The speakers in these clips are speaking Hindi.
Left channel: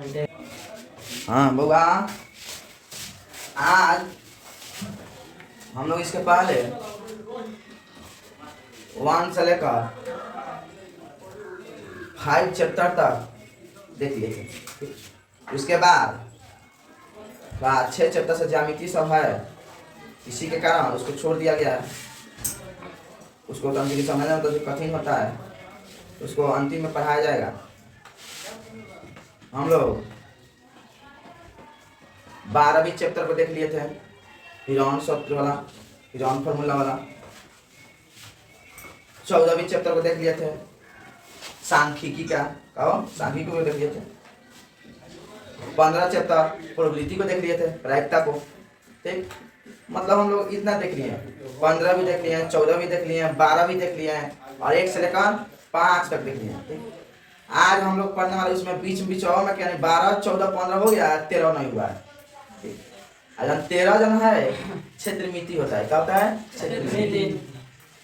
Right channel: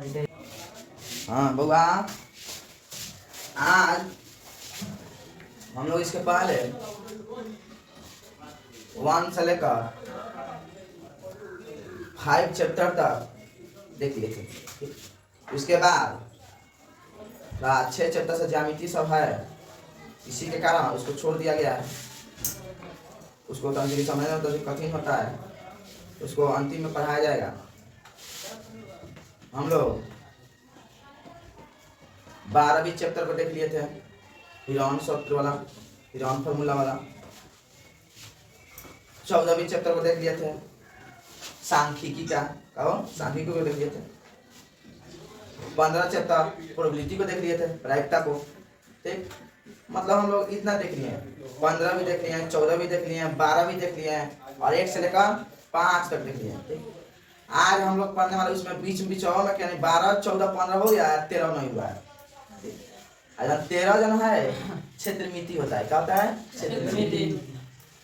हाँ बुआ, आज हम लोग इसके पहले 1 से लेकर 5 चैप्टर तक देख लिए थे। उसके बाद 6 चैप्टर से ज्यामिति सब है, इसी के कारण उसको छोड़ दिया गया है। उसको समझना तो कठिन होता है, उसको अंतिम में पढ़ाया जाएगा। हम लोग 12वीं चैप्टर को देख लिए थे, हिरॉन सूत्र वाला, हिरॉन फार्मूला वाला। 14वीं चैप्टर को देख लिए थे, सांख्यिकी का सांख्यिकी को देख लिए थे। 15 चैप्टर प्रोबेबिलिटी को देख लिए थे, प्रायिकता को। ठीक, मतलब हम लोग इतना देख लिए हैं। 15 भी देख लिए हैं, 14 भी देख लिए हैं, 12 भी देख लिए हैं और 1 से लेकर 5 तक देख लिए हैं। ठीक, आज हम लोग पढ़ने वाले उसमें बीच और में क्या नहीं, 12, 14, 15 हो गया, 13 नहीं हुआ है। 13 जन है क्षेत्रमिति होता है। क्या होता है?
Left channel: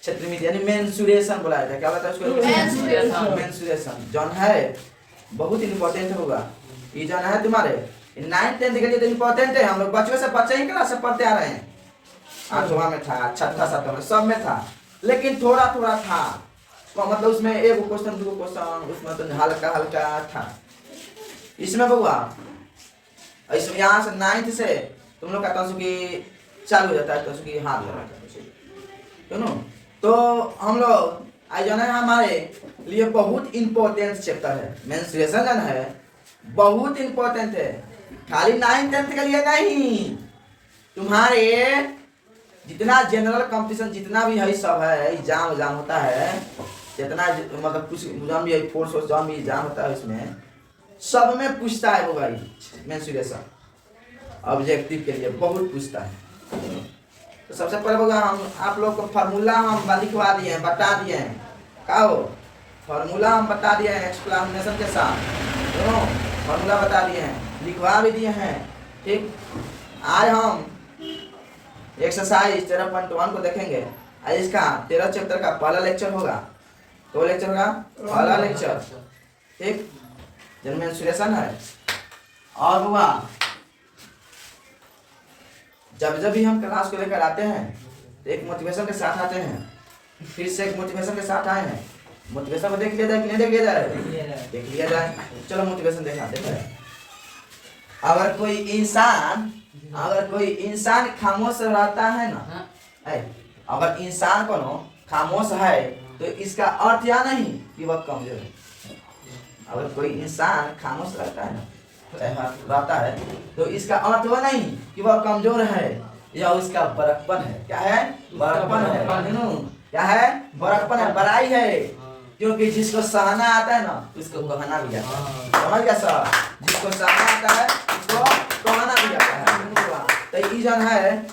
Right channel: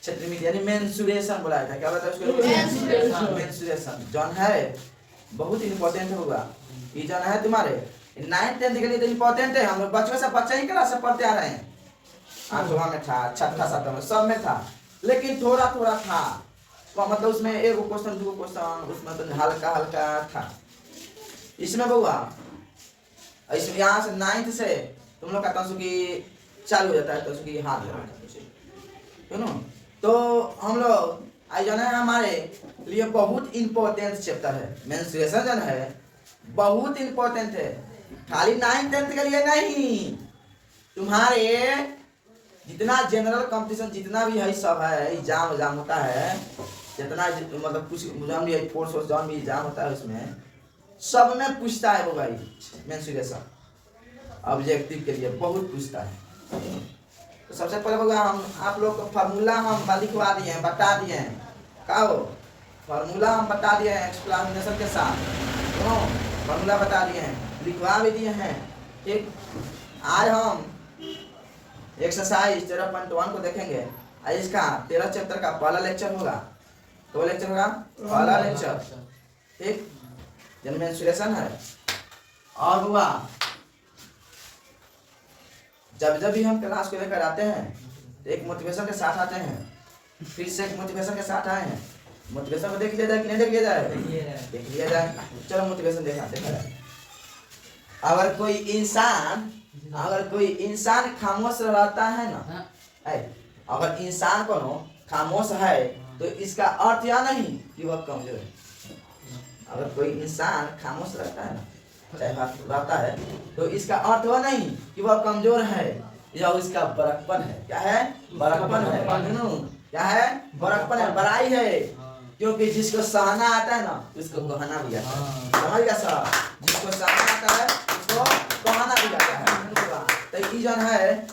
क्षेत्रमिति यानी मेंसुरेशन बोला जाता है। क्या होता है उसको? मेंसुरेशन जन है, बहुत इंपॉर्टेंट होगा। ये जन है तुम्हारे 9th 10th के लिए तो इंपॉर्टेंट है। हम लोग बचपन से बच्चे ही क्लास से पढ़ते आ रहे हैं। 8वां में था, 6ठा 7वां में, सब में था, लेकिन थोड़ा थोड़ा था। तो मतलब उसमें एक क्वेश्चन 2 क्वेश्चन उसमें तो हल्का हल्का था। इसमें बुआ इसमें यहाँ से 9th से तुम लोग का तंसुकी चालू हो जाता है, तंसुकी हाथ हो जाता है। तो हम लोग आज जो है हमारे लिए बहुत इंपॉर्टेंट चैप्टर है। मेंस्ट्रुएशन जो है बहुत इंपॉर्टेंट है, खाली 9th 10th के लिए नहीं, तुम्हारे जितना जनरल कंपटीशन जितना भी है सब है, एग्जाम होता है, जितना मतलब कुछ एग्जाम भी है, फोर्स एग्जाम भी एग्जाम होता है, उसमें सब में पूछता है वो भाई। मेंस्ट्रुएशन ऑब्जेक्टिव के लिए बहुत पूछता है। तो सबसे पहले होगा हम आप लोग को फार्मूला हम लिखवा दिए हैं, बता दिए हैं। क्या हो फार्मूला हम बता दिए हैं एक्सप्लेनेशन के साथ। तो फार्मूला बता दिए हैं, लिखवा भी दिए हैं। ठीक, आज हम एक्सरसाइज 13.1 को देखेंगे। आज इसका 13 चैप्टर का पहला लेक्चर होगा। तो लेक्चर का पहला लेक्चर, ठीक, जिनमें मेंस्ट्रुएशन है। और हुआ जब भी हम क्लास को लेकर आते हैं तो एक मोटिवेशन के साथ आते हैं। फिर से एक मोटिवेशन के साथ आए हैं। मोटिवेशन को देख लिया जाए कि नहीं देख लिया जाए? देख लिया जाए। चलो मोटिवेशन देखा देखें। अगर कोई इंसान खामोश रहता है ना, अगर इंसान को खामोश है तो इसका अर्थ या नहीं कि वह कमजोर है। अगर कोई इंसान खामोश रहता है ना, रहता है, तो इसका अर्थ वह नहीं कि वह कमजोर है या उसका बड़कपन है। क्या है? बड़कपन है। क्या है? बड़कपन है, बड़ाई है। क्योंकि जिसको सहना आता है ना उसको कहना भी आता है। समझ गया सर? जिसको सहना आता है उसको कहना भी आता है। तो ये जन है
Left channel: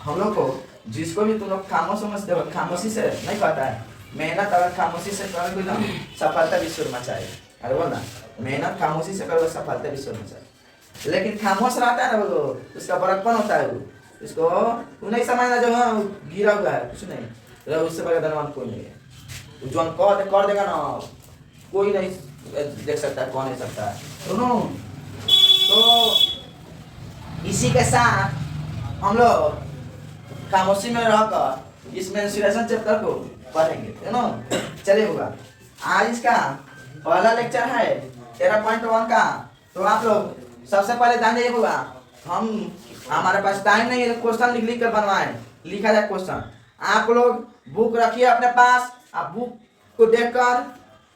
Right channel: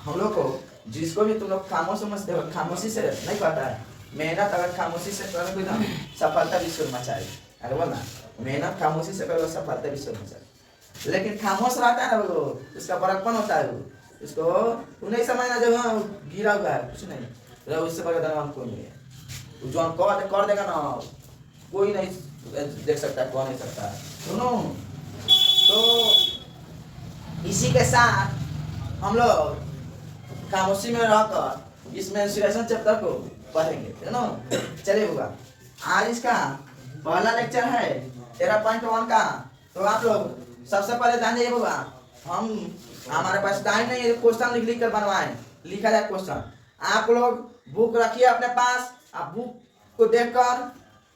हम लोग को, जिसको भी तुम लोग खामोशी से नहीं कहता है। मेहनत अगर खामोशी से करोगे ना, सफलता विश्व में चाहिए। अरे बोलना, मेहनत खामोशी से करो, सफलता विश्व में चाहिए। लेकिन खामोश रहता है ना वो, उसका बड़कपन होता है। वो उसको तू नहीं समझना जब गिरा हुआ है, कुछ नहीं, उससे बड़ा धनवान कोई नहीं है। जो कर देगा ना, कोई नहीं देख सकता है, कौन नहीं सकता है। सुनो, तो इसी के साथ हम लोग खामोशी में रहकर इस मेंस्ट्रुएशन चैप्टर को पढ़ेंगे, है ना। चलिए होगा, आज इसका पहला लेक्चर है 13.1 का। तो आप लोग सबसे पहले ध्यान दीजिए होगा, हमारे पास टाइम नहीं है क्वेश्चन लिख कर बनवाएं, लिखा जाए क्वेश्चन। आप लोग बुक रखिए अपने पास, आप बुक को देखकर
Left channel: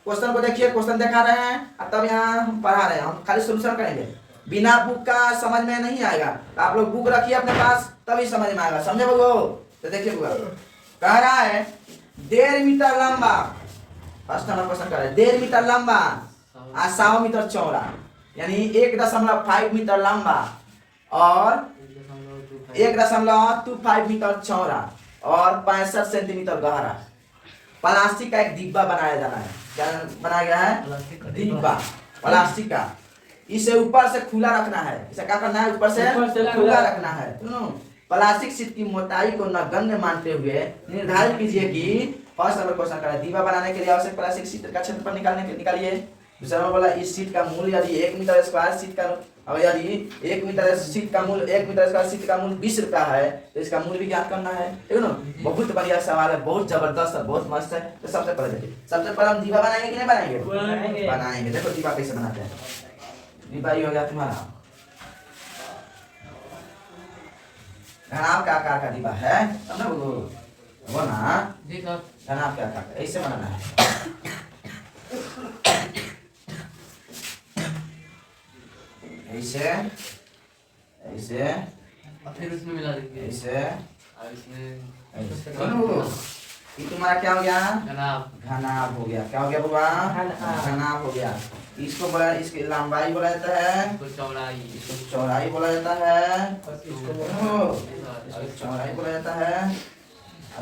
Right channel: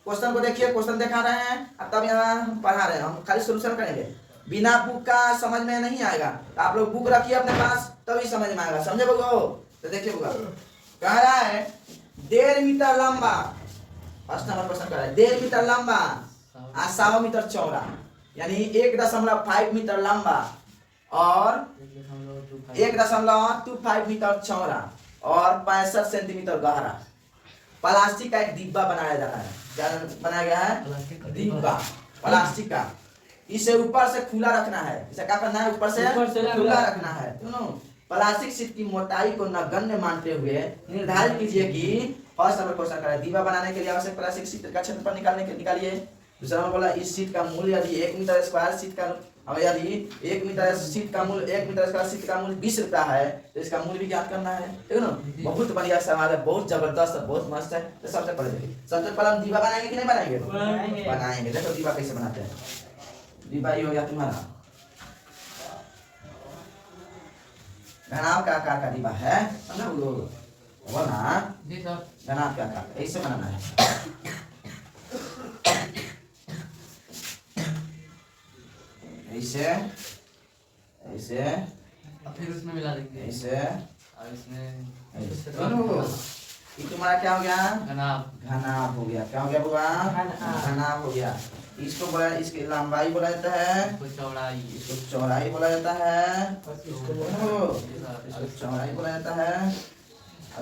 क्वेश्चन को देखिए, क्वेश्चन दिखा रहे हैं और तब यहाँ हम पढ़ा रहे हैं। हम खाली सोल्यूशन करेंगे, बिना बुक का समझ में नहीं आएगा। तो आप लोग बुक रखिए अपने पास, तभी समझ में आएगा। समझे बोलो? तो देखिए बुआ कह रहा है 1.5 मीटर लंबा, फर्स्ट नंबर क्वेश्चन कर रहा है 1.5 मीटर लंबा और 100 मीटर चौड़ा, यानी 1.5 मीटर लंबा और 1.25 मीटर चौड़ा और 65 सेंटीमीटर गहरा प्लास्टिक का एक डिब्बा बनाया जाना है। क्या बनाया गया है? डिब्बा प्लास्टिक का। इसे ऊपर से खुला रखना है। इसे क्या करना है? ऊपर से खुला रखना है। प्लास्टिक शीट की मोटाई को नगण्य मानते हुए निर्धारित कीजिए कि फर्स्ट नंबर क्वेश्चन कर रहा है, डिब्बा बनाने के लिए आवश्यक प्लास्टिक शीट का क्षेत्रफल निकालिए। दूसरा नंबर बोला इस सीट का मूल्य यदि 1 मीटर स्क्वायर सीट का अब यदि 1 मीटर सीट का मूल्य 1 मीटर स्क्वायर सीट का मूल्य 20 रुपया है तो इसका मूल्य भी ज्ञात करना है, ठीक है ना। बहुत बढ़िया सवाल है, बहुत जबरदस्त है, बहुत मस्त है। तो सबसे पहले हम दीवा बनाएंगे कि नहीं बनाएंगे? बनाएंगे। देखो दीवा कैसे बनाते हैं। दीवा ये हो गया तुम्हारा घनाभ के आकार का दीवा है, समझो वो ना जी सर। घनाभ के आकार ऐसे बनाना है, ऐसे ऐसे फिर उसमें मिला देंगे ऐसे और इसमें ये तुम्हारा क्या हो गया? घनाभ। घनाभ हो गया। क्या हो गया बुआ? घनाभ हो गया। इसको बोला, इसकी लंबाई बोला जाता है, इसको चौड़ाई, इसको चौड़ाई बोला जाता है, इसको चौड़ाई बोला जाता है,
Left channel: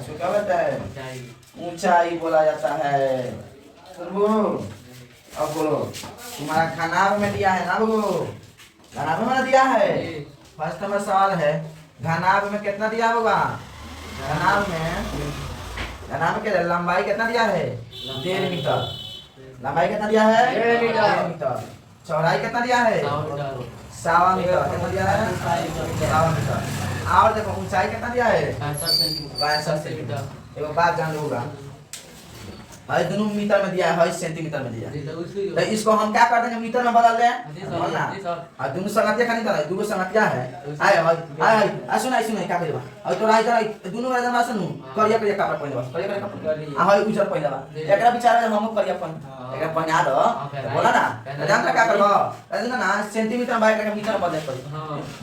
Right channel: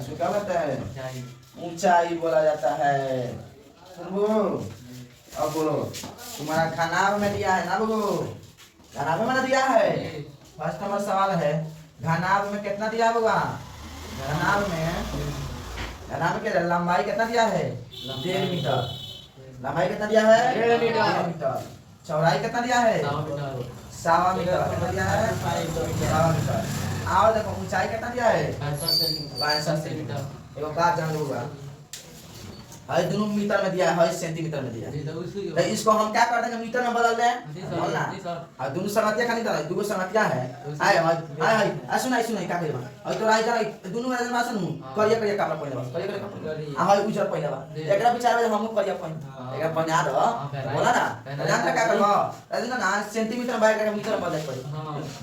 इसको क्या बोलता है? ऊंचाई बोला जाता है। सुनो अब बोलो, तुम्हारा घनाभ में दिया है ना बबू? घनाभ में दिया है। फर्स्ट नंबर सवाल है, घनाभ में कितना दिया होगा? घनाभ में क्या लंबाई कितना दिया है? 1.5 मीटर। लंबाई कितना दिया है? 1.5 मीटर। चौड़ाई कितना दिया है? 1.25 मीटर। कितना दिया है? 1.25 मीटर। और देखो ऊंचाई कितना दिया है? 62 सेंटीमीटर। एगो बात जान लोगा, है दोनों मीटर में दिया है, सेंटीमीटर में दिया है। तो इसको हम क्या कर देंगे? मीटर में बदल दें, बोल ना। और दोनों संगतिया खाली था, दोनों संगतिया है। आय सुन क्या करेबा? और तो राइट दोनों राइट में सुन करिया कपड़ा पहिने बस, करिया कपड़ा हाय उजर पहिने बा। एकरा विचार हम करिया पहिन एकरा पहिना दो, बोला ना। जानता क्या करबो? ऐसा ना सेंटीमीटर बाय करके मीटर में बदले पड़ी।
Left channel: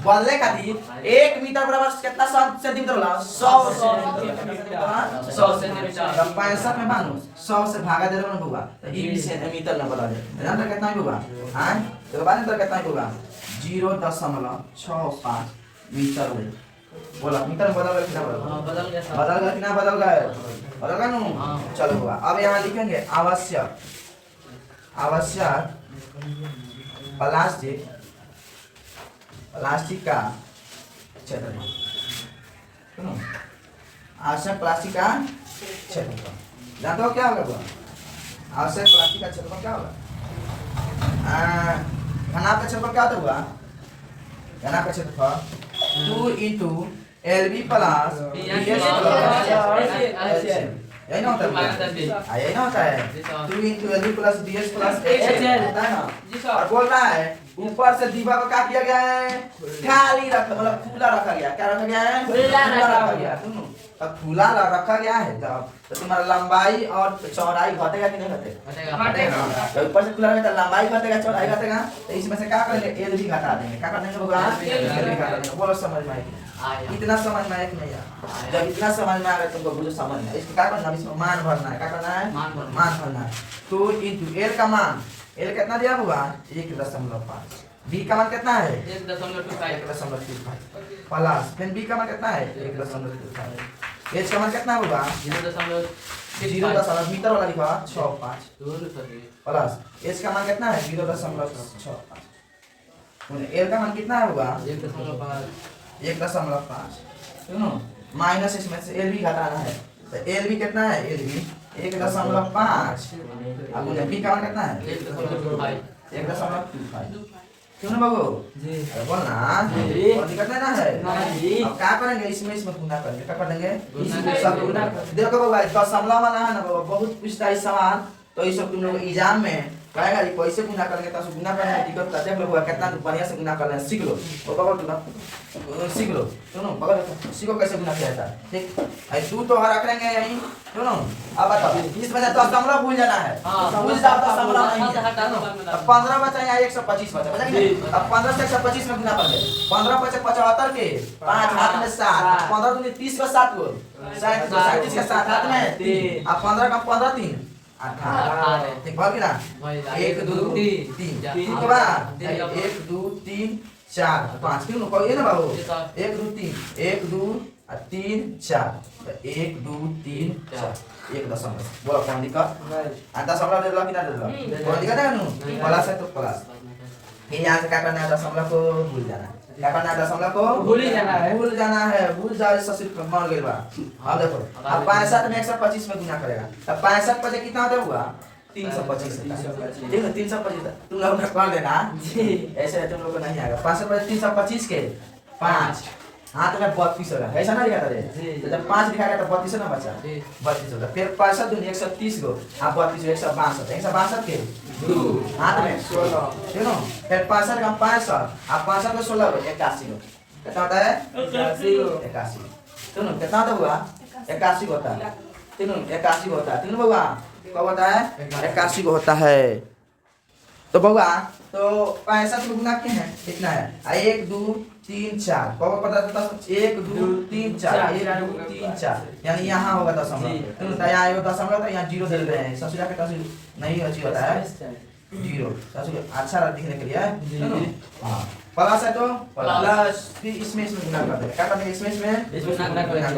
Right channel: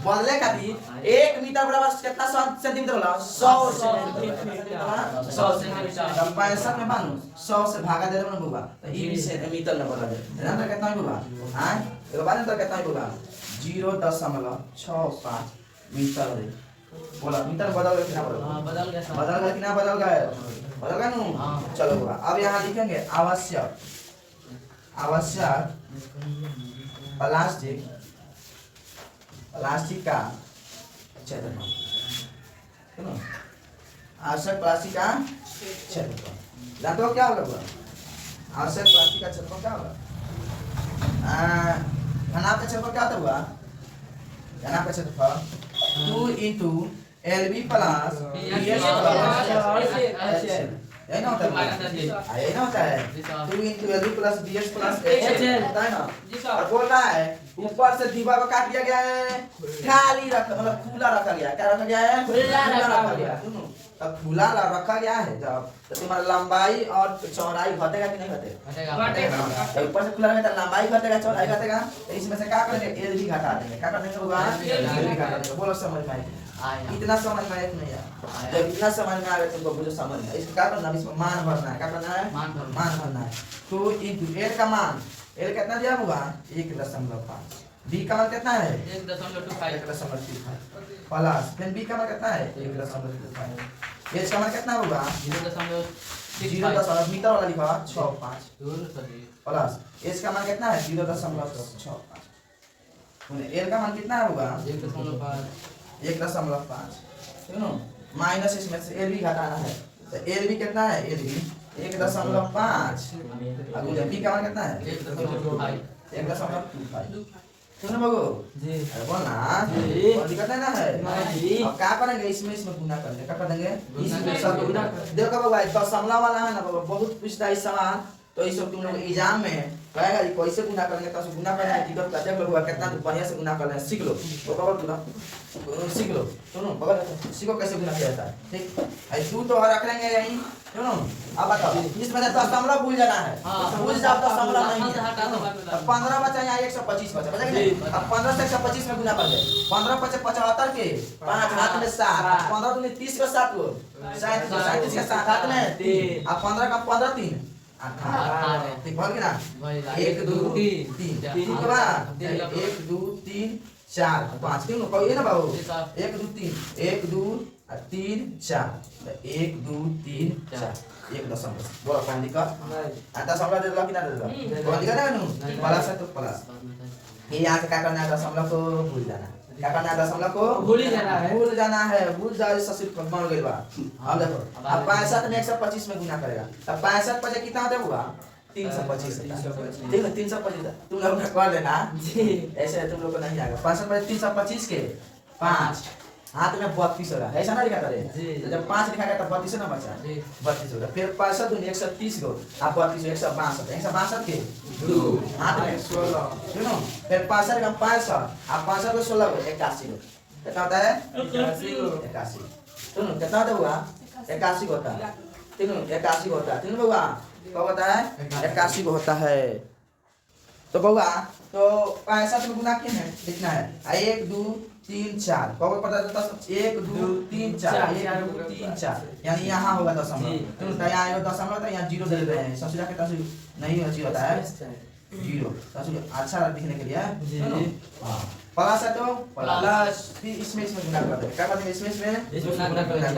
बदले खातिर 1 मीटर बराबर कितना सेंटीमीटर होला? 100 सेंटीमीटर। 65 में मानो 100 से भागा दे रहे हो ना बुआ, तो ये भी सेंटीमीटर में बदल दे। जानता कितना होगा? हां तो बाद में कितना होगा? 0.65 मीटर है। बोला मीटर में बदल गया कि ना बदल? हां बदल गया। बदल गया कि ना बदल गया? बदल गया ना। चलो बुआ अब यहाँ लिखेंगे आवश्यक प्लास्टिक का क्षेत्रफल। सुनो आवश्यक प्लास्टिक का क्षेत्रफल जानते हो क्या होगा बुआ? आवश्यक प्लास्टिक का क्षेत्रफल क्या होगा? घनाभ का क्षेत्रफल क्या होता है बुआ? घनाभ का क्षेत्रफल 2 into LB plus PS plus यही ना होता है? यही ना होता है? 2 into LB plus DS plus HL होता है ना। और बोल रहा है ऊपर से दीवार को क्या किया गया है? खाली रखा, मतलब खुला रखा गया। क्या रखा गया है? खुला रखा गया। सुनो अब खुला रखा गया है जब तो तुम्हारा लंबाई और चौड़ाई घटेगा कि नहीं घटेगा? तो ऊपर से खुला रहेगा तो लंबाई घटेगा, चौड़ाई घटेगा। तो इसमें से क्या करेंगे? एल भी घटा देंगे। क्या कर देंगे होगा? एल भी घटा देंगे। बोलो समझ में आया? इतना समझ में आया कि नहीं आया? जब इतना समझ में आ गया तुमको बुझो समझ में। इसको क्या करना है? इसमें मान भरना है। क्या करना है? मान भरना है। तो इनटू एल का मान, एल कितना दिया होगा? 1.5। बी का मान कितना है? 1.25 प्लस फिर बी का मान कितना है? 1.25। एच का मान कितना होगा? 0.0 मीटर वाला लिखा 65 प्लस एच का मान कितना है? 0.65। एल का मान कितना होगा? 1.5। सुनो माइनस इसमें से एल भी घटाना है तो एल भी कितना है? एल भी 1.5। अब बी का मान कितना है? 1.25। सुनो बाबू जी बोल ना जी और दिक्कत नहीं ना है नहीं। अब क्या करेंगे? इसमें गुना करेंगे। क्या कर देंगे? इसमें सब गुना। देखो बाबा दशमलव वाला है ना बाबा, बहुत पूछता है सवाल। तो ये सब तुम लोग एग्जाम में कहेगा ये कैसे गुना करेंगे, तो गुना करने में दिक्कत करते हैं लोग। कितना बढ़िया से गुना करना है सीख लो। तो बाबा सीख लो। सुनो बाबा सीखो कैसे गुना किया जाता है, ठीक है? तू तो रख लेंगे यहीं। सुनो अब बताओ इसमें तो दशमलव भूल जाना है। भूल जाओ तो दशमलव नहीं है। अब 15 बचा यहाँ 125 बचा बचा। अब 15 से 125 में गुना कर ले। 15 × 75 के 5 हाथ में 7, 15 दूनी 30 का 7 को 37 का 7 हाथ में 3। अब 15 का 15 3 18 ठीक बोल के ना 1 2 3 3 के बाद 1 2 3 4 5 क्यों नो ये ना बाबू 1 2 3 1 2 3 4 1 2 3 4 1.5 बोला कौन दिखा? दशमलव दे दो कि ना दे दो? कौन दिखा ना प्लस है तो प्लस। ये यहाँ से क्या करना है? दशमलव को भूल जाना है। क्या करना है? दशमलव को भूल जाना है। भूल जाओ इससे सिर्फ मर गई बा। अब देखो अब 65 में 125 में गुना करेगा तब 65 पर कितना होता होगा? 325 ठीक है 325 तुम लोग कर देना जी ऐसे तुम लोग को नहीं आएगा 65 पर 325 के 5 हाथ में 32 होगा ऐसा ना लिखा था रे जी। तो जब 5 लिखा गया तो 32 ना बचा जी। 32 होगा फिर 65 दूनी 130 गो आप 32 162 के 2 हाथ में 16 सुनो फिर 65 का 65 आप 65 को 16 को 81 गो कितना होता है 81 सुनो कितना होता हुआ 81 होता है तीनों 81 होता है तीनों बउआ कब होता है 81 को होता है तो बउआ तो 65 में गुना क्या है कितना है 1 2 3 4 कब पता चलता 1 2 3 4 1 2 3 4 यानी यहाँ होगा दशमलव तो यहाँ आएगा दशमलव तो यहाँ जीरो दे रहे हैं ससुरा के तसुर नहीं अच्छी होता है जीरो ससुर अच्छा दिखने के लिए सुनो हाँ प्लस है तो प्लस फिर इसमें गुना कर देंगे क्या कर देंगे इसमें गुना कर देंगे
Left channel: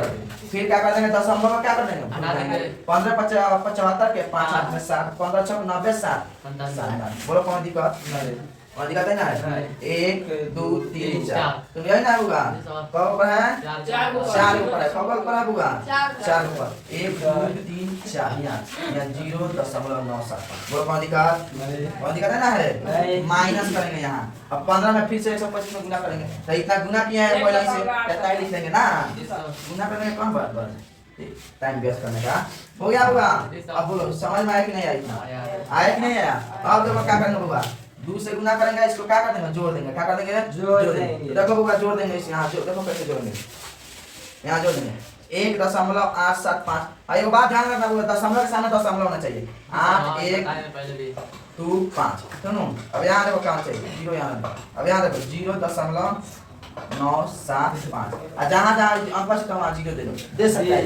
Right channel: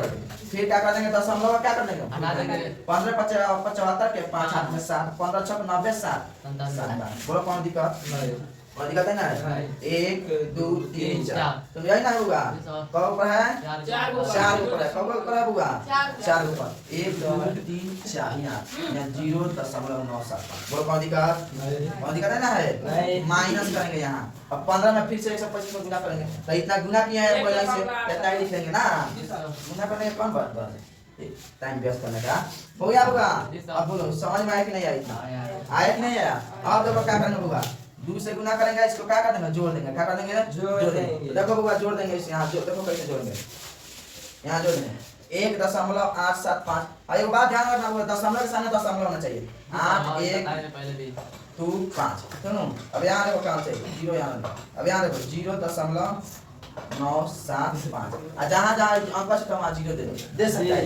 फिर क्या कर देंगे दशमलव क्या कर देंगे हटा देंगे 15 75 के 5 हाथ में 7 15 6 90 7 बोलो कौन दिक्कत कौन दिक्कत है ना 1 2 3 4 तुम यही ना होगा कब ऊपर है 4 ऊपर है कब ऊपर है होगा 4 ऊपर 1 2 3 4 यहाँ 0.97 बोलो कौन दिक्कत है ना है माइनस करेंगे यहाँ अब 15 में फिर से 125 में गुना करेंगे तो इतना गुना किया है पहले से कितना ही लिख लेंगे ना गुना करने का कौन बात टाइम वेस्ट करने का हो गया होगा अब बोलो समझ में आया कि नहीं आया इतना आया कि नहीं आया अब देखो क्या करना होगा 2 से गुना करेंगे इसको क्या कर देंगे जोड़ देंगे क्या कर देंगे जोड़ देंगे देखो होगा जोड़ देंगे इसे यहाँ देखो कैसे जोड़ेंगे यहाँ जोड़ देंगे 1.875 एक बात ध्यान रखना होगा दशमलव के सामने दशमलव होना चाहिए 8 1 2 5 सुनो अब यहाँ देखो क्या चाहिए जीरो यहाँ अब यहाँ देखो 0.975 जहाँ जहाँ अंक बचे तो वहाँ जीरो दे सकता है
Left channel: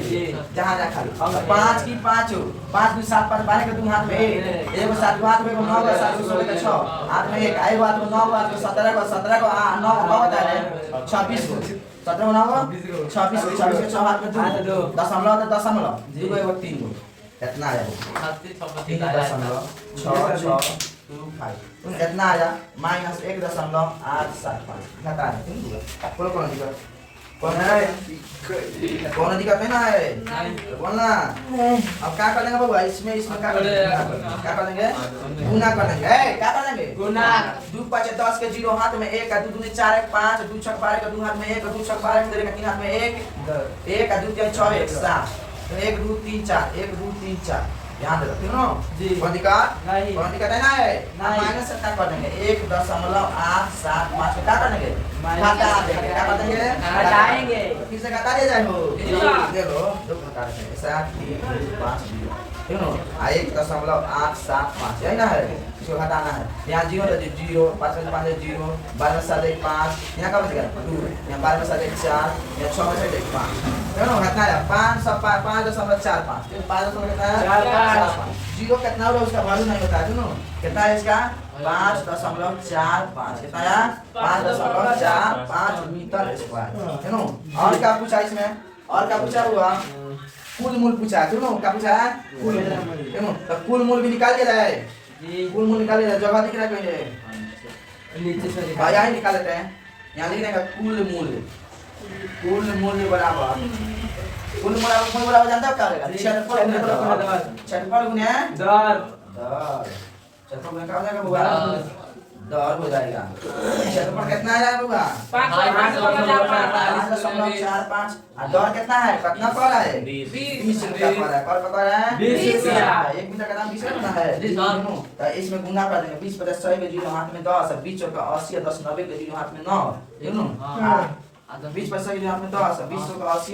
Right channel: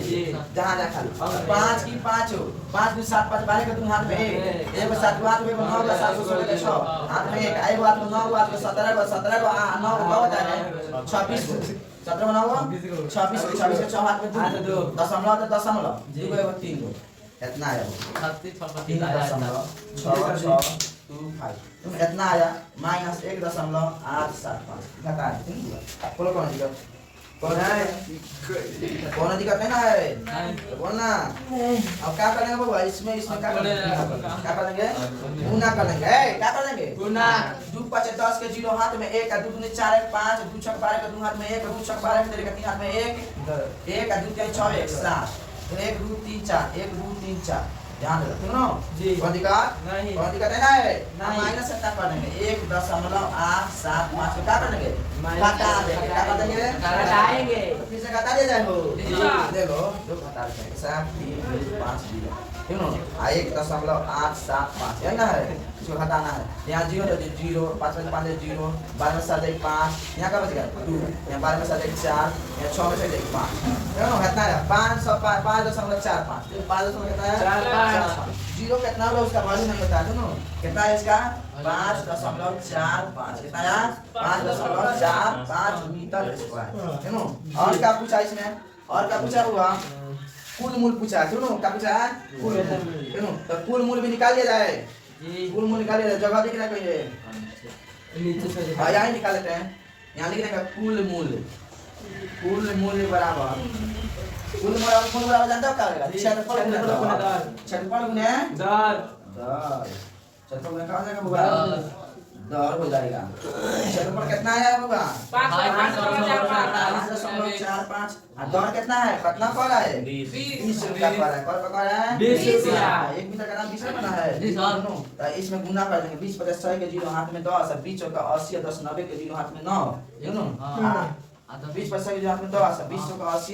जहाँ जहाँ खाली 5 की 5 5 की 7 5 12 के तुम हाथ में एक 7 हाथ में 9 का 7 को 16 6 हाथ में एक हाथ में 9 हाथ में 17 को 9 9 होता है 26 को 17 9 को 26 के 6 हाथ में 2 दशमलव तो दशमलव 2 को 3 को कितना आया 3.6 इतना आया माइनस 1.875 घटा है बोलो कौन दिक्कत कौन दिक्कत है ना है बोलना अब क्या करेंगे बाबू इसमें क्या करेंगे गुना कर देंगे क्या कर देंगे गुना 2 5 10 के 0 हाथ में 1 2 2 4 1 5 2 6 12 के 2 हाथ में 1 2 6 12 के 3 हाथ में 1 1 2 3 6 1 7 1 2 3 4 1 2 3 4 ध्यान दे रखो जी कौन दिक्कत है ना है माइनस से क्या कर देंगे 1.875 को क्या कर देंगे घटा देंगे क्या कर देंगे घटाएंगे फिर से घटा दिया जाए ले लो दो घटा देंगे 7 3 5 0 ठीक है 1.875 यही ना है इसको घटाना है यहाँ 0 है 0 5 में 5 0 12 में 7 5 यहाँ का बच गया 2 यहाँ 12 में 7 4 यहाँ 6 में 7 5 है ना घटना है 5.45 कितना है 0 कितना होगा उसका वैल्यू नहीं बताया दोनों कितना है इसका 5.45 कितना है 5.45 मीटर स्क्वायर है ना और क्या पूछा इसमें और क्या पूछा हुआ कुल मूल पूछा है दोनों क्या पूछा है कुल मूल है ना तो कुल मूल भी निकाल लिया जाए जी कुल मूल निकाल लिया जाए जगह दिख रहा है कहीं नीचे से यहाँ ही निकाल लेते हैं यहाँ लिख देंगे कुल मूल्य बराबर कुल मूल्य बराबर जानते हो क्या होगा क्षेत्रफल गुने क्षेत्रफल गुने क्या हो जाएगा होगा दर हो जाएगा क्षेत्रफल कितना आ जाएगा 5.45 और दर कितना है कितना पर है 20 रुपया पर है पर पता है 20 रुपया 1 मीटर का दाम 20 रुपया है जी सर तो इसमें गुना कर देंगे 20 50 100 के 0 हाथ में 10 और 20 का 80 10 90 के 0 हाथ में 9 दोनों हां 20 पैसा के 0 हाथ में 10 20 का 80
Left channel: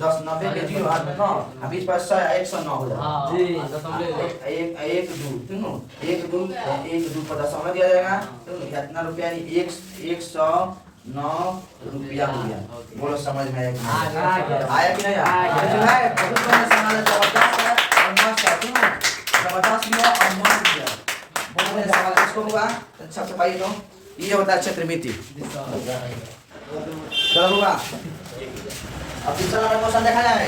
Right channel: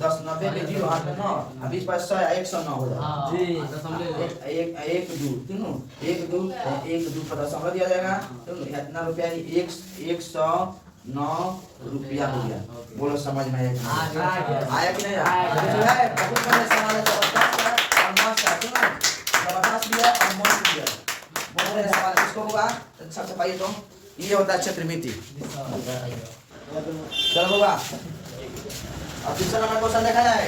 10 90 के 0 हाथ में 9 और 20 पैसा 109 हो जाएगा जी दशमलव 1 2 दोनों 1 2 1 2 पता समझ दिया जाएगा दोनों इतना रुपया 109 रुपया हो गया बोलो समझ में आया कि नहीं आया बहुत बढ़िया सवाल है जबरदस्त है और मस्त है जबरदस्त भी है और मस्त भी है बहुत बढ़िया सवाल है इसको होगा सबसे पहले तो ये होता है क्षेत्र मिति चलो होगा अब दूसरा नंबर क्वेश्चन देखा जाए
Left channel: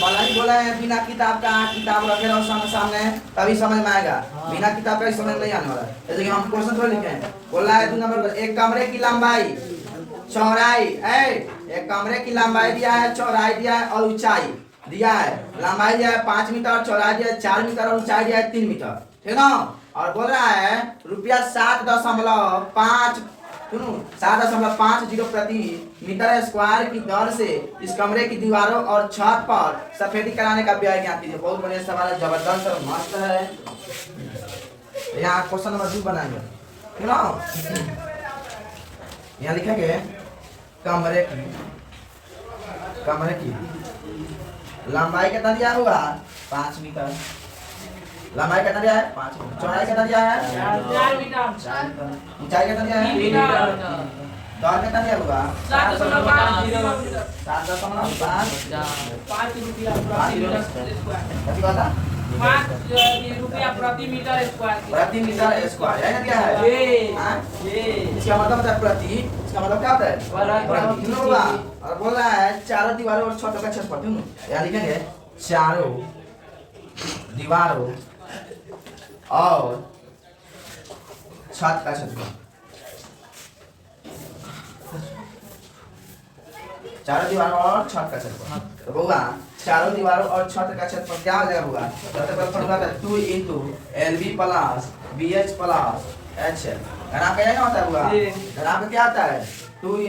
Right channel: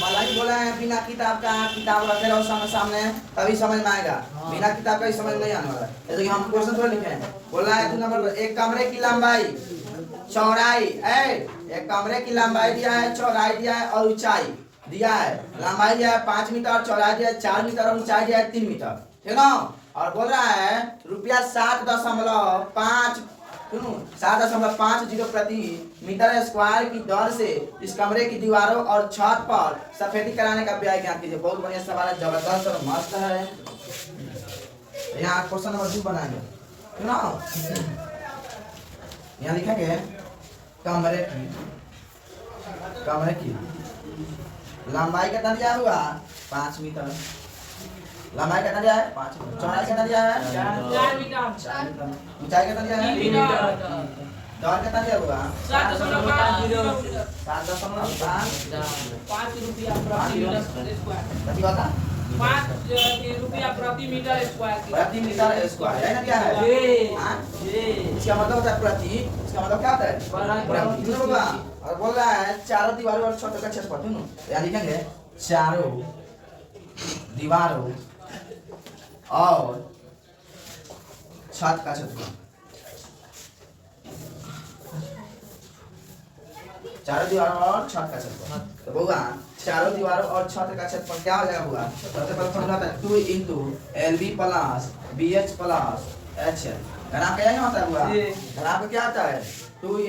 वाला ही बोला है बिना किताब का किताब रखे रहो सामने तभी समझ में आएगा बिना किताब का समझ नहीं आने वाला है जैसे कि हम क्वेश्चन थोड़ी लिखे हैं बोला है 2 नंबर पर एक कमरे की लंबाई चौड़ाई एक कमरे की लंबाई दिया है चौड़ाई दिया है और ऊंचाई दिया है, लंबाई दिया है 5 मीटर, चौड़ाई दिया है 4 मीटर और ऊंचाई दिया है 3 मीटर, ठीक ना। और बोल रहा है रुपया 7.5 सुनो 7.50 प्रति मीटर स्क्वायर की दर से इस कमरे की दीवारों और छत पर सफेदी कराने का व्यय क्या कीजिए। बहुत बढ़िया सवाल है, जबरदस्त है, मस्त है। यहाँ क्वेश्चन नंबर 2 बनाएंगे, ठीक ना। यहाँ लिखेंगे कमरे की लंबाई कितना दिया होगा 5 मीटर, लंबाई कितना दिया है 5 मीटर, चौड़ाई कितना दिया है 4 मीटर, ऊंचाई कितना दिया है 3 मीटर, दर कितना दिया होगा 5 रुपया प्रति मीटर स्क्वायर, कितनी बात है 5 रुपया प्रति मीटर स्क्वायर, प्रति मीटर स्क्वायर है ना, क्या है हाँ? इसका मतलब होता है प्रति, इसका मतलब क्या होता है प्रति होगा। और बोल रहा है चारों दीवारों और छत का क्षेत्रफल, यहाँ लिखेंगे चारों दीवारों और छत का क्षेत्रफल, चारों दीवारों और छत का क्षेत्रफल। तो होगा चारों दीवारों और छत का क्षेत्रफल क्या हो जाएगा होगा, सबसे पहले फॉर्मूला था 2 × LB + BH + HL, घना क्या होता है होगा, घना का क्या आता है 2 ×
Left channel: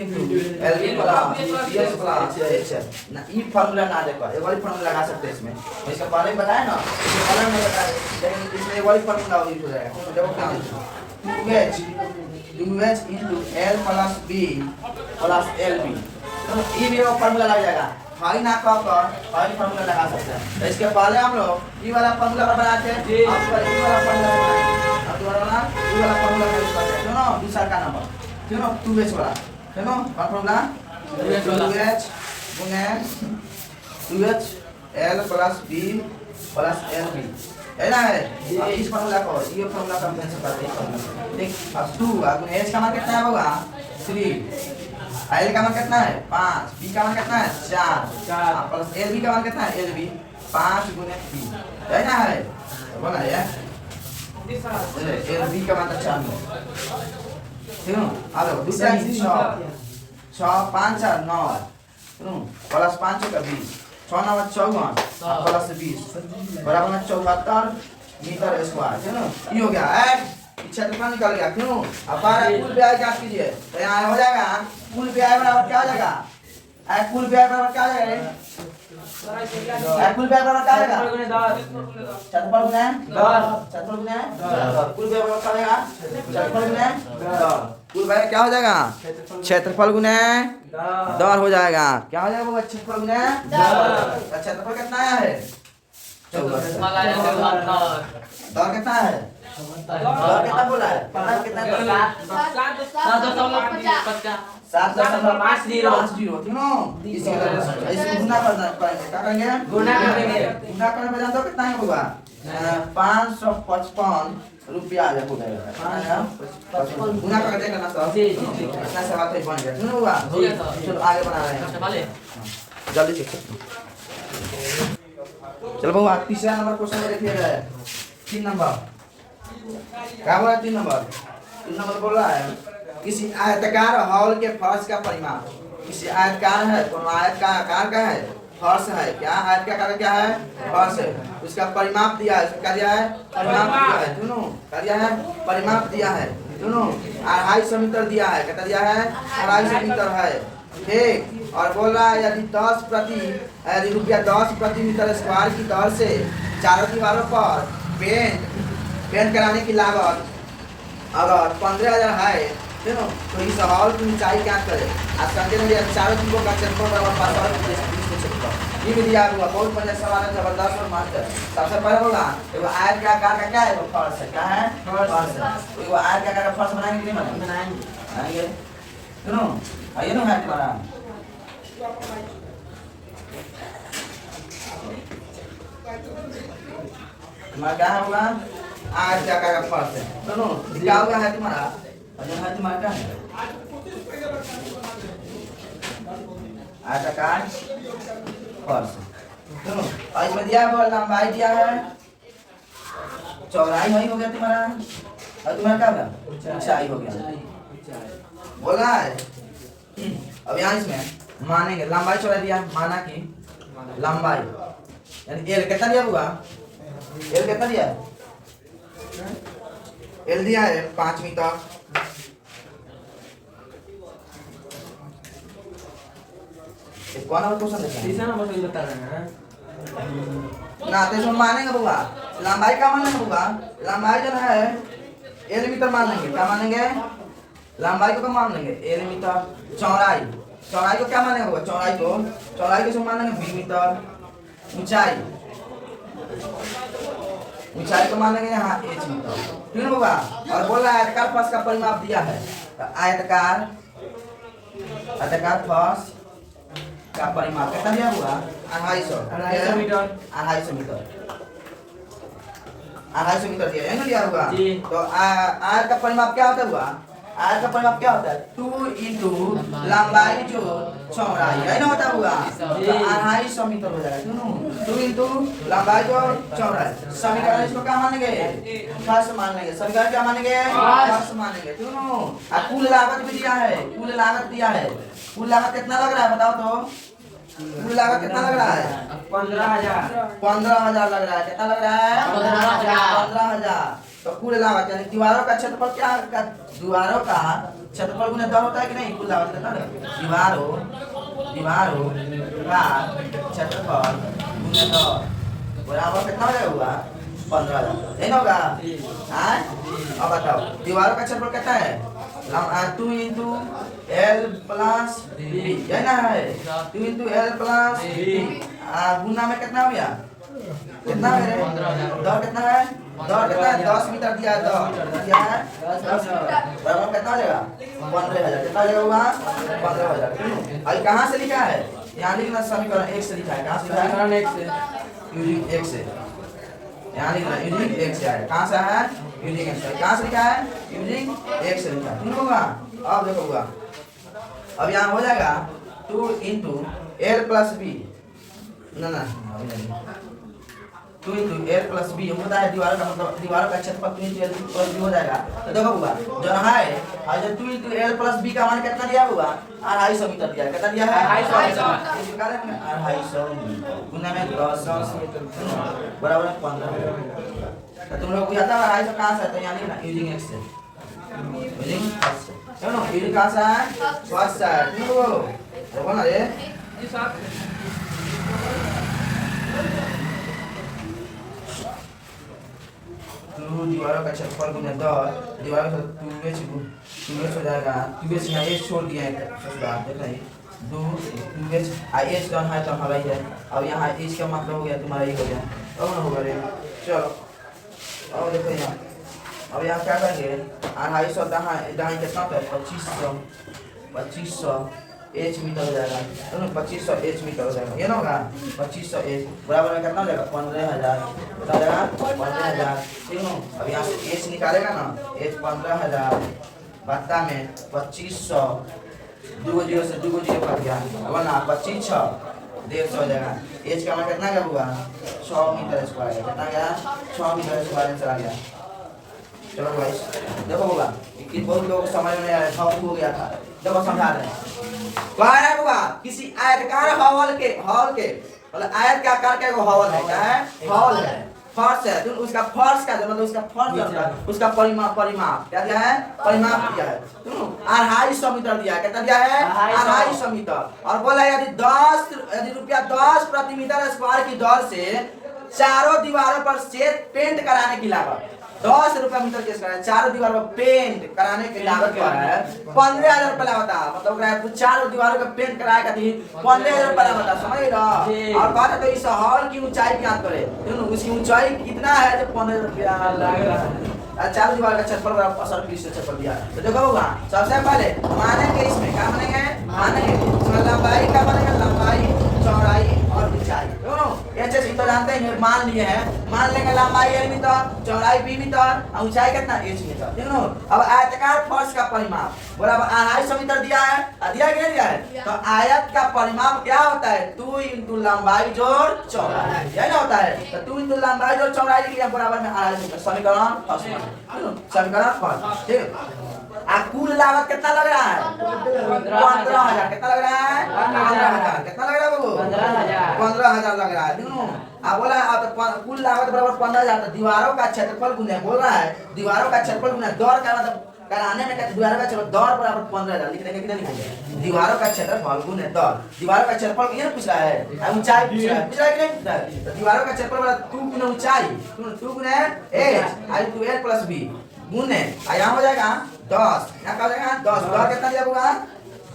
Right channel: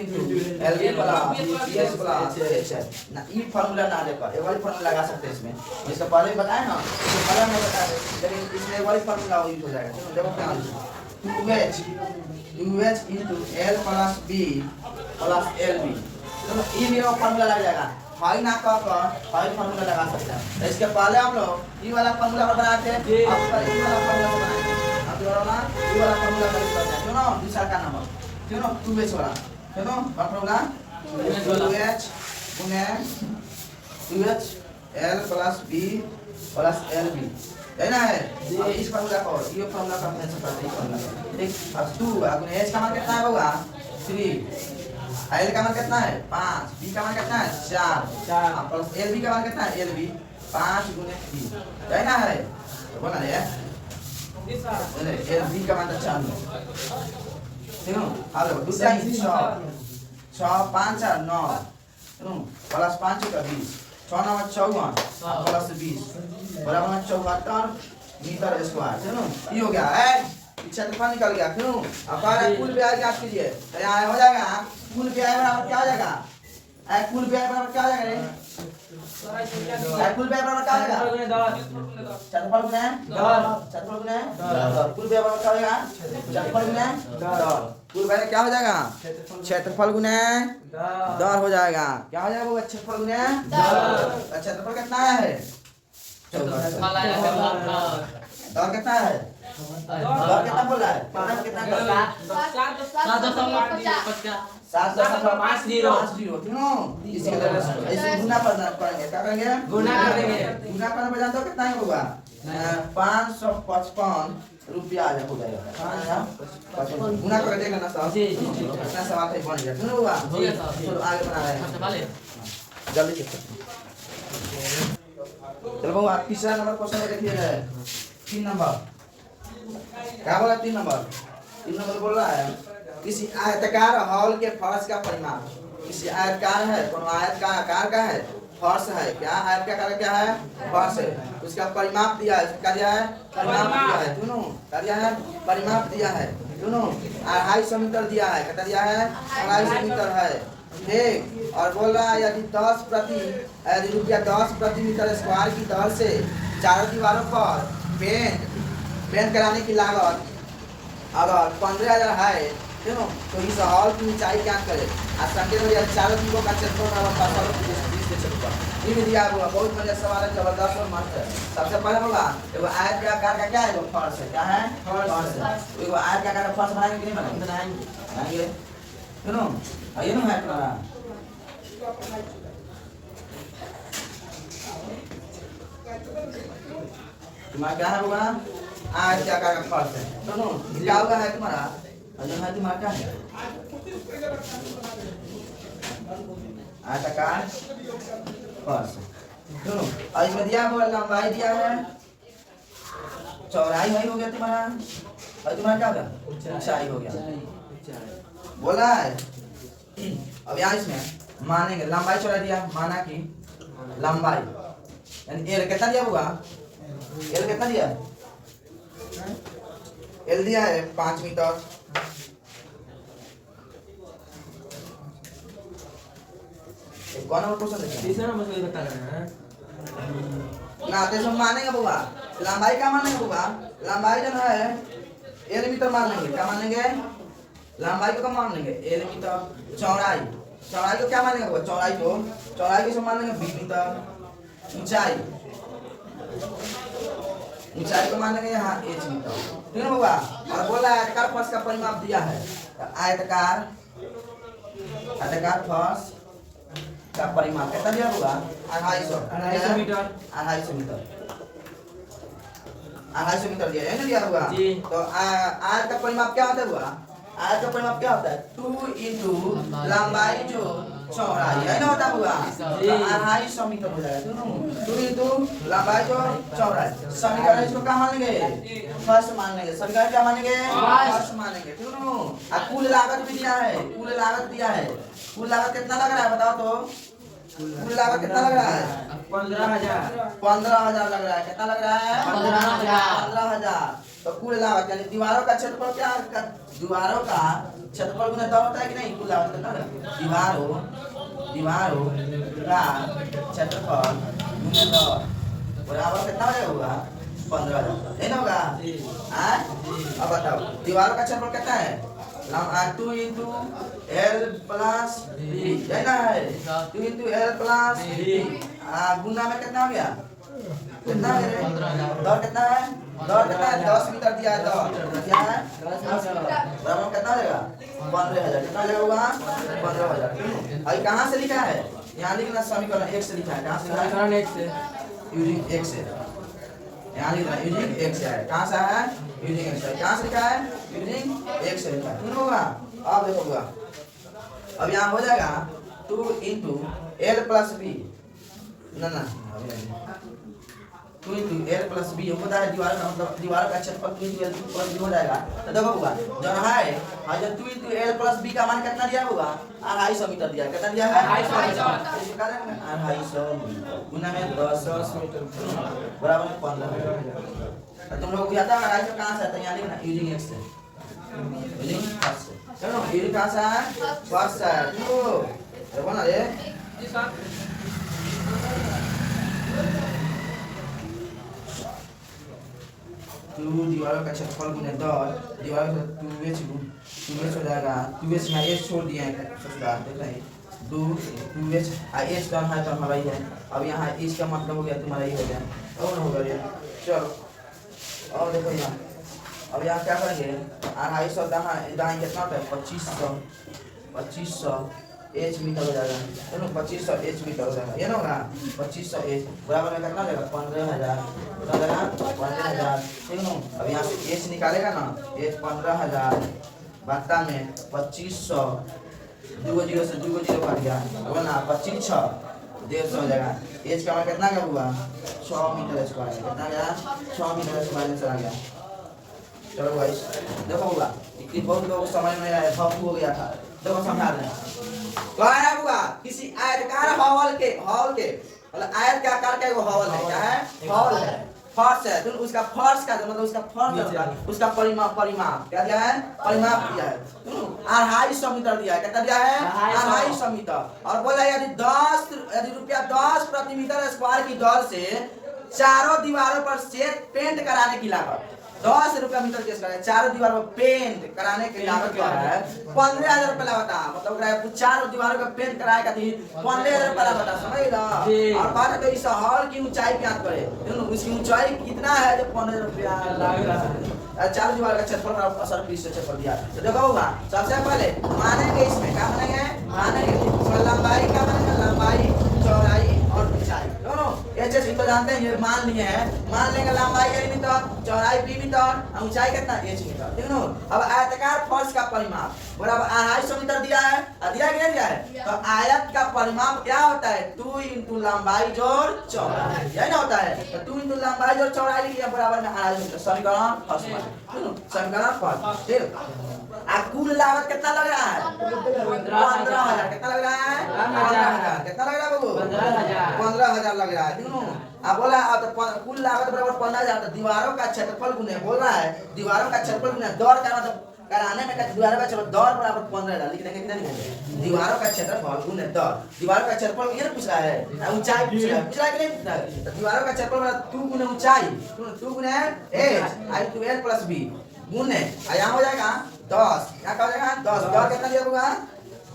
LB + BH + HL ना। ये फार्मूला ना देकर एक वाली फार्मूला लगा सकते हैं इसमें, इसका पहले बताया ना, इसके अलग में बताया, लेकिन इसमें एक वाली फार्मूला यूज हो जाएगा। तो देखो क्या है 2H × L + B + LB, तो ये भी एक फार्मूला लग जाएगा। हाई ना कहकर हाई फार्मूला लगा सकते हैं। तो इसके पहले हम लोग ये वाला फार्मूला पर बनाते हैं, अब ये वाला फार्मूला बनाएंगे, अब दोबारा ये वाला फार्मूला यूज करते हैं, क्यों ना दूसरा का नंबर, क्यों ना 2H वाला, क्यों ना formula 2H L + B + LB है ना है। अब इस फार्मूला को ये फार्मूला का कैंसिल करते हैं, ठीक। अब 2 अब H का मान कितना होगा 3, L का मान कितना है 5, B का मान कितना है 4 प्लस LB का मान कितना है LB 5 × B है ना है, बोला है LB का मान 4, ठीक है। अब दूसरा 6 5 4 9 प्लस 5 का 20, 6 9 54 प्लस 20 बराबर में 74 मीटर स्क्वायर, है ना। ये हो गया है क्षेत्रफल निकल गया, क्यों। अब बारह कुल ब्याज ज्ञात कीजिए, तो यहाँ हो जाएगा कुल ब्याज बराबर क्या हो जाएगा, कुल ब्याज बराबर क्या हो जाएगा, कुल ब्याज बराबर क्या हो जाएगा क्षेत्रफल गुना क्षेत्रफल गुना कुल ब्याज बराबर क्या हो जाएगा क्षेत्रफल गुना कुल ब्याज क्या हो जाएगा क्षेत्रफल गुना दर हो जाएगा, क्या हो जाएगा वो क्षेत्रफल गुना दर। क्षेत्रफल कितना आया है 14, दर कितना है दर कितना बोला है कितना 7.50 इसके ऐसे गुना करना पड़ेगा, क्या करेंगे गुना करने पे जानते हो कितना होगा 555 रुपया आ जाएगा, गुना करके देखना ना सर, कितना सवाल पे बन गया, सुनो हुआ चलो आगे बना रहे हैं जल्दी से। चलो बाबू तीसरा नंबर क्वेश्चन देखिए 3 नंबर क्या बोला 3 नंबर बोल रहा है किसी आयताकार हॉल के फर्श का परिमाप, किसी आयतकार है कौन आयत का आकार का है फर्श है, क्या आयत का आकार क्या है फर्श है, उसका परिमाप दिया है, क्या दिया है परिमाप दिया है, दोनों क्या दिया है परिमाप दिया है, दोनों 250 मीटर दिया है, कितना दिया है 250 मीटर है, ठीक। और बोल रहा है यदि रुपया 10 प्रति मीटर स्क्वायर की दर से चारों दीवारों पर पेंट कराने की लागत अगर 15,000 है, ठीक है, तो इस हॉल की ऊंचाई क्या करे, आज संकेत में चारों दीवारों का क्षेत्रफल बराबर 15,000 ये भी दिया हुआ, बहुत बढ़िया सवाल है, जबरदस्त और मस्त है। सबसे पहले होगा एगो आयत के आकार का क्या है फर्श है, क्या है फर्श है, एगो आयत के आकार का फर्श बनाएंगे कि नहीं बनाएंगे सुनो आइए ना हाथ बना तुम्हारा क्या होगा आयत के आकार का फर्श है, सुनो क्या होगा है तुम्हारा है तुम्हारा क्या है आयताकार फर्श, सुनो और इसमें दिया हुआ लंबाई दिया है, चौड़ाई वही हो गया तुम्हारा और तुम्हारा क्या होगा ऊंचाई हो गया, बोला है। अब यहाँ इसमें मानेंगे लंबाई चौड़ाई दिया, माना कि लंबाई यानी एल कितना दिया होगा? एल कितना दिया है? एल दिया है 5 मीटर। कौन और क्वेश्चन देता है? तीसरा नंबर से बता रहे हैं ना तो इसमें मानेंगे बुआ, लंबाई क्या मान लेंगे बुआ? लंबाई जो है एल मीटर मान लेंगे। क्या मानेंगे? लंबाई को क्या मान लेंगे? L meter. चौड़ाई, चौड़ाई को क्या मानेंगे बुआ? चौड़ाई को इसमें मान लेंगे बी मीटर। ऊंचाई, ऊंचाई को मान लेंगे यहाँ एच मीटर। ठीक है बुआ? और बोला आयताकार फर्श का परिमाप दिया है, तो आयताकार फर्श का परिमाप कितना दिया हुआ? 250 मीटर। 250 मीटर। 250 मीटर दिया है ना, दिया हुआ। जी। तो आयत का परिमाप क्या होता है हुआ? आयत का परिमाप क्या होता है? 2 इंटू लंबाई जो चौड़ाई है ना, होता हुआ। जी। तो 250 मीटर हो जाएगा। 2 इंटू लंबाई जो चौड़ाई। समीकरण इसको क्या मानेंगे? फर्स्ट मान लेंगे। समीकरण क्या मानेंगे? फर्स्ट मानेंगे। दोनों। और कुल लागत भी दिया है, कुल लागत दिया है। कुल लागत कितना लग रहा है बताओ तो? कुल लागत कितना लग रहा है? 15,000। 15,000 लग रहा है। कितना लग रहा है? 15,000। 15,000। तो कुल लागत यानी दीवारों का क्षेत्रफल क्या? दीवारों का क्षेत्रफल गुना 10 होता है कि नहीं? कुल लागत कितना है? दीवारों का क्षेत्रफल गुना 10 बराबर कितना हो जाएगा? 15,000। नहीं होगा? अब बताओ दीवारों का क्षेत्रफल कितना है? 2 इंटू एल प्लस बी, है ना? है 2 इंटू एल प्लस बी। गुना में कितना हो गया? कितना है? 15,000। दर कितना है? दर कितना है? 10 मीटर दिया है। दर दिया है 10 बराबर कितना हो जाएगा? 15,000। कितना हो जाएगा हुआ? 15,000। और कहाँ से लिखा है? यहाँ लिखना समीकरण 1 से लिखा है। कहाँ से लिखा है? समीकरण 1 से। यूजिंग 1 से। यहाँ लिखना यूजिंग 1 से है। कहाँ से है? यूजिंग 1 से। कहाँ से लिखा है? यूजिंग 1 से लिखा है। ठीक होगा? अब देखो होगा, अब यहाँ हो जाएगा 2 इंटू एल प्लस बी। ना 2 इंटू एल प्लस बी होता है दीवार का, मतलब दीवार का क्षेत्रफल 2 इंटू एल प्लस बी हो जाएगा। तो देखो हुआ जो है, और जब 2 इंटू एल प्लस बी का मान कितना दिया हुआ? 250 मीटर दिया है। कितना दिया है? 250 मीटर। 250 मीटर गुना में 10 मीटर बराबर है 15। तो तुम लोग को आता है 250 कहाँ से आता है? यानी ना यूजिंग एक्स से, यूजिंग फर्स्ट से। चलो यूजिंग कहाँ से है? फर्स्ट से है। देखो ना रे, जी सर। दीवारों का क्षेत्रफल गुना 10, दीवारों का 2h हो जाएगा। 2h यहाँ h छोड़ दिया है ससुराल, देखो ये 2h h का है तो हमारा ही है। अब यहाँ h का मतलब हो गया तुम्हारा ही हो गया। अब ना होगा रे, चलो अब देखो यहाँ, अब यहाँ क्या करेंगे? 250 दाएं कितना होता है? 2500 एच मीटर हो जाएगा। दोनों 2500 एच मीटर हो जाएगा। ये ना होगा 2500 एच बराबर में कितना हो जाएगा? 15,000। कितना हो जाएगा? 15,000। ठीक है। अब यहाँ से एच निकालेगा ना, एच 15,000 बट्टा में 2500, 2 जीरो से 2 जीरो कट गया, अब ना 25 6 150 हो जाएगा। एच का मान कितना गया हुआ? 6 मीटर स्क्वायर है। कितना गया? 6 मीटर स्क्वायर चला गया। चलो भाई देखो होगा कि बहुत लोगों को समझ में आया, भौंकू हो गया था। देखो समझा रहे हैं। कह होगा किसी आयताकार हॉल के मतलब आयत के आकार का एगो हॉल है। क्या है? हॉल है, फर्श है। तो उसका फर्श का जो मतलब उसका फर्श होता है, उसका परिमाप क्या दिया है? परिमाप दिया है। तो 250 मीटर दिया है। कितना दिया है? 250 मीटर। और बोला यदि रुपया 10 प्रति मीटर स्क्वायर की दर से चारों दीवारों पर छेद पेंट कराने की लागत 10 रुपया मीटर के स्क्वायर, चारों दीवार पर पेंट कराने की लागत क्या है? 15,000 रुपया लागत। मतलब चारों दीवारों का पेंट कराए का 15,000 रुपया लागत। समझ लो। और बात है तो इस हॉल की ऊंचाई ज्ञात करे। उसकी ऊंचाई कितना है? जो 15,000 रुपया लगेगा। चारों दीवार का क्षेत्रफल बराबर 80 क्षेत्रफल दिया। तो देखो होगा सबसे पहले मानेंगे, इसमें क्या मानेंगे? मानेंगे लंबाई का मानेंगे, लंबाई चौड़ाई और ऊंचाई दोनों एच तो जानते हैं, मान लिए हैं। मान लेंगे लंबाई एल मीटर, चौड़ाई बी मीटर और ऊंचाई कितना? H meter. ठीक है। अब आयताकार फर्श का परिमाप बराबर 250 मीटर दिया है। दिया कि नहीं दिया है? तो आयत का परिमाप क्या होता है? 2 इंटू लंबाई जोड़ चौड़ाई, यही ना होता है। तो 2 इंटू लंबाई जोड़ चौड़ाई लिख लिया बराबर में 250 मीटर। समीकरण फर्स्ट, समीकरण फर्स्ट। ठीक। कुल लागत कितना लग रहा है? 15,000। कितना लग रहा है? 15,000। कितना लग रहा है बाबू? 15,000। 15,000 लग रहा है। दोनों अब बोला अब तो कुल लागत बराबर 15,000। तो दीवारों का क्षेत्रफल गुने बोल रहा है दीवारों का क्षेत्रफल गुने दौर का मतलब कराने में कहते दीवारों का क्षेत्रफल दौर बराबर 15,000 लिख देंगे। कितना लिखेंगे दीवारों का क्षेत्रफल गुने दौर। दीवारों का क्षेत्रफल ये पूछ रहा है ऊंचाई पूछ रहा है कि नहीं पूछ रहा है। तो दीवारों का क्षेत्रफल बराबर 2 गुना ऊंचाई 2 गुना h into l plus b गुने यहाँ हो जाएगा 10। यहाँ क्या हो जाएगा 10। दौर कितना दिया होगा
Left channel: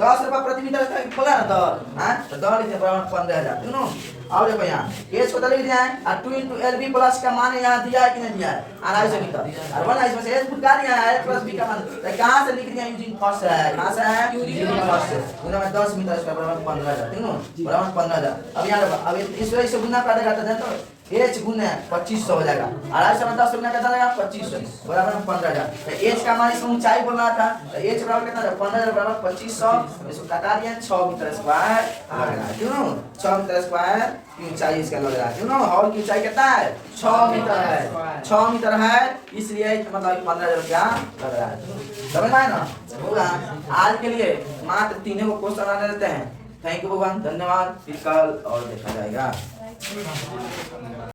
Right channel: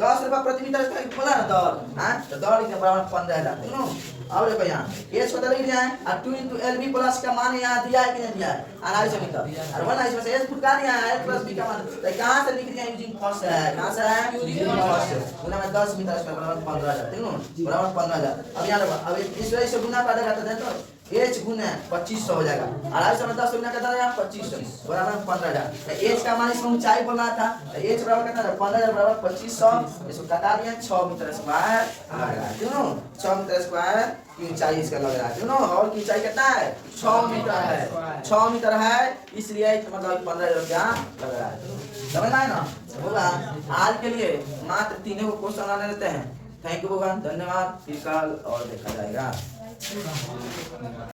10 रुपया प्रति मीटर खोला ना दौर। हाँ तो दौर लिखने बराबर 15,000 सुनो। और देखो यहाँ एच को लिख दिया है और 2 into LB प्लस का मान यहाँ दिया है कि नहीं दिया है 250 मीटर और 1 इसमें से एच फुटका दिया है प्लस बी का मान तो कहाँ से लिख दिया यूजिंग फर्स्ट है कहाँ से है यूजिंग फर्स्ट गुना में 10 मीटर इसका बराबर 15,000 ठीक है बराबर 15,000। अब यहाँ अब इस वजह से गुना कर देगा तो एच गुना 2500 हो जाएगा 250 में 10 गुना कितना आएगा 2500 बराबर 15,000। एच का मान इसमें ऊंचाई बोलना था तो एच बराबर कितना 15,000 बराबर 2500 इसको कटा दिया 6 मीटर स्क्वायर लग रहा है क्यों 6 मीटर स्क्वायर की ऊंचाई इसका लग रहा है क्यों हॉल की ऊंचाई कितना है 6 मीटर है 6 मीटर है इसलिए मतलब 15,000 रुपया लग रहा है। समझ में आया ना होगा। आज के लिए मात्र 3 को क्वेश्चन आने देते हैं। थैंक यू भगवान धन्यवाद। फिर कल और देखा जाएगा।